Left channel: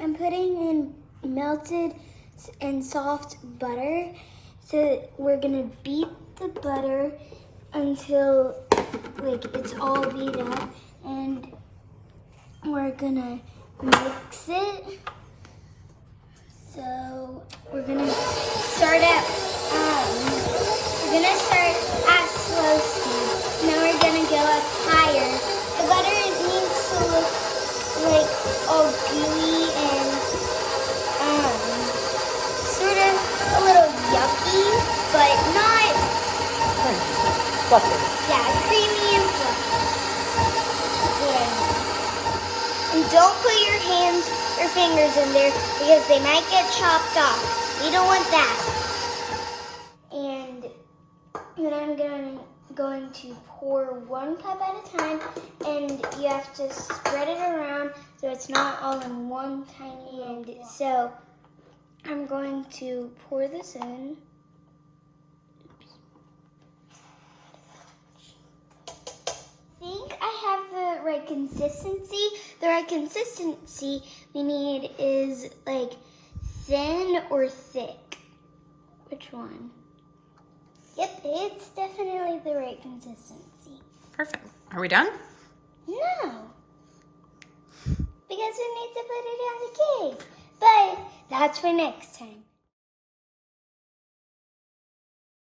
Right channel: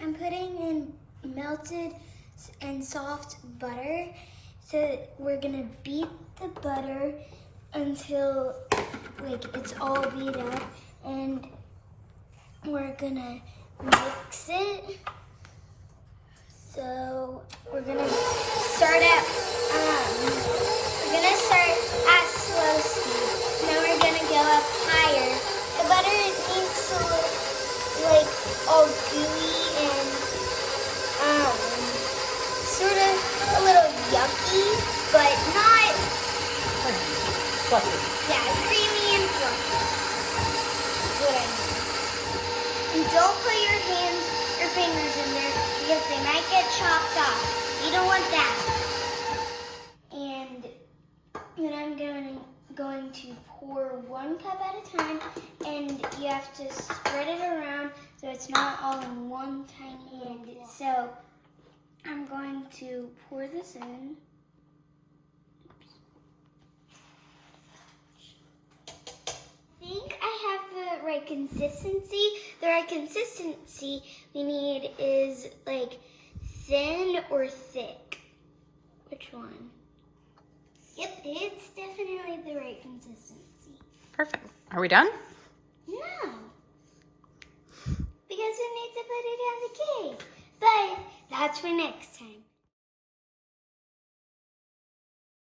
I'm putting in melted and soft butter. So we're gonna beat the butter until like it's all beat up, and we're gonna mix it. So we're gonna start at slow speed, and then we're gonna go up higher. The butter needs to look like all gooey and sort of a little yucky, but not Fluffy. yeah, creamy and fluffy. That's what I mean. And don't put your fingers in there because they might get chopped off. You don't want that. And then I'm going to pour 1 cup at a time, and you have to spread it around so it's not all in one tiny end. So I'm going to pour this in. I think I have the right consistency. The right consistency we need is like thin or thick. Which one? Yep, it's definitely the right consistency. Perfect. Are we done? No. Because we need to put it on the cake. But that's for next time.